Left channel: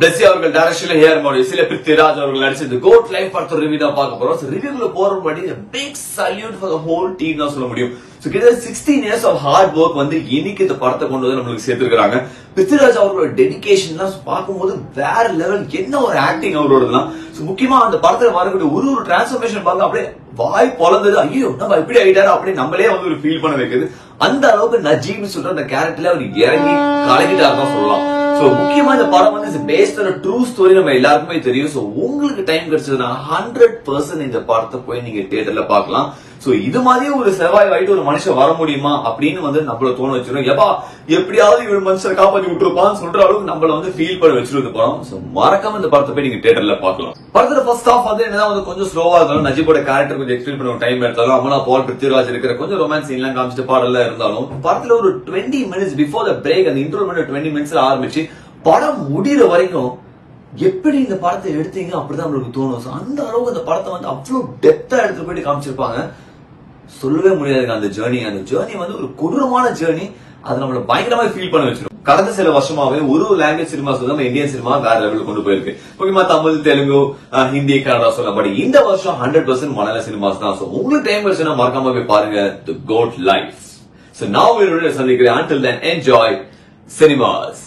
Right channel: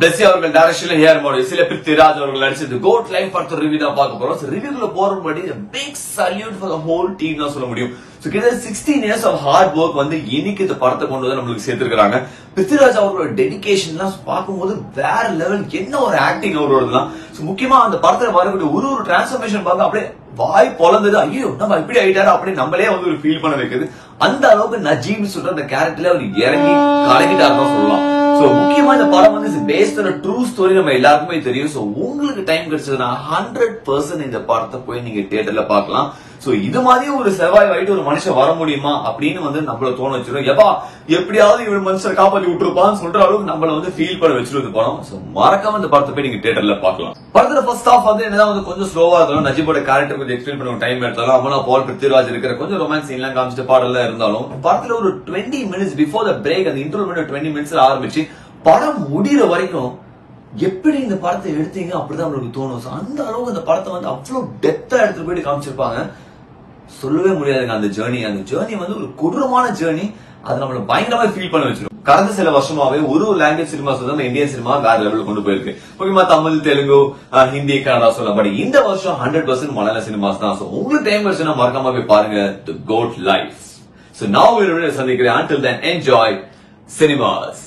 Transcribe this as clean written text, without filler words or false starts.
பிளஸ்ஸி அவர்கள் டைரக்ஷன்ல hair model சில பிருத்திராஜ் அவர்கள் நடிச்சது கோட் லைஃப் படத்தோட ரிவ்யூ தான் பார்க்க போறோம். ரிவ்யூக்குள்ள போறபடி big salute for the whole team தான் சொல்ல முடியும். கிட்டத்தட்ட 16 இயர்ஸ் ஆஃப் ஹார்ட் ஒர்க் வந்து இன்னைக்கு இந்த படத்தை கொண்டு வந்து நம்மளுக்கு சேர்த்திருக்காங்க. பிருத்திராஜ் அவர்களோட டெடிகேஷன் எல்லாம் பார்க்கும்போது வேற லெவல், என்ன ஒரு ஆக்டிங் அவரோடலாம். முக்கியமா அந்த படத்துல வரக்கூடிய ஒரு டிரான்ஸ்பர்மேஷன் பார்க்க அப்படியே வாய் பொழந்தது, ஐயோ நம்ம இப்படி ஆயிட்டாரு அப்படி நம்மளே வந்து ஒரு ஃபீல் பண்ண வைக்குது. அந்த அளவுக்கு நஜீம் சொல்ற அந்த கேரக்டர்ல அவர் இறங்கி கலக்கிட்டாரு தான் சொல்லலாம். முக்கியமா இந்த படம் வந்து பேஸ்ட் ஆன் ட்ரூ ஸ்டோரி நம்ம எல்லாருக்குமே தெரியும். உங்களுக்கு டைம் கிடைச்சதுன்னா 100% இந்த படத்தை போய் நீங்க தியேட்டர்ல பார்க்கலாம். இது மாதிரியே ஒரு செவ்வாய் வாயிட்டு ஒரு மனுஷன் வர முடியுமா அப்படின்னு வந்து நம்மள தோண வச்சிடும். எப்பா எப்படியாவது இவரு மனுஷனை காப்பாத்தி விட்டுருப்பான்னு சொல்ற அளவுக்கு நம்மள வந்து ஃபீல் பண்ண வச்சிருது படம். மறக்காம இந்த படத்தை போய் நீங்க தியேட்டர்ல பார்க்கலாம். படத்துல ஃபர்ஸ்ட் ஹாஃப் வந்து என்னதான் வந்து கொஞ்சம் ஸ்லோவா இருந்தாலும், நஜீபோட கேரக்டர் கொஞ்சம் எக்ஸ்பிளைன் பண்ண டைம் எடுத்தாலும், அமலா பால், பிருத்திராஜ் இருக்கிற கொஞ்சம் ரொமான்ஸ் சீன் எல்லாம் காமிச்சிட்டு பாடல இருந்தாலும், படத்துல ஒரு 20 மினிட்ஸ் பிஃபோர் த பிரேக் அந்த இன்ட்ரோ 20 மினிட்ஸ்ல ஆரம்பிச்சு படம் முடிகிற வரைக்கும் எப்படி இந்த படத்தை எடுத்தீங்க அப்படிதான் நம்மளுக்கு தோணும். அந்த அளவுக்கு இந்த படத்தை வந்து அவ்வளவு டெப்தா எடுத்துட்டு போயிட்டு காமிச்சிருப்பாங்க. சொல்லவே முடியாதுங்க. அந்த ஜேர்னி வந்து ஒரு கொடூரமான ஜேர்னி. அது நம்மள பயங்கரமா ஃபீல் பண்ண வச்சிடும். கடந்த சில வருஷமாவே ஒரு லாங்குவேஜ் சினிமாஸ் வந்து நம்ம இந்தியன் சினிமா வேற லெவலுக்கு கொண்டு போயிருக்கு. முக்கியமா தமிழ், தெலுங்கு, ஹிந்தி, கன்னடா சொல்லப்படி இந்த வருஷம் 100% மலையாள சினிமாஸ் தான். உங்களுக்கு டைம் கிடைச்சுன்னா மறக்காம போய் பாருங்க தி கோட் லைஃப். நான் சந்திக்கிறேன். Until then, enjoy cinemas.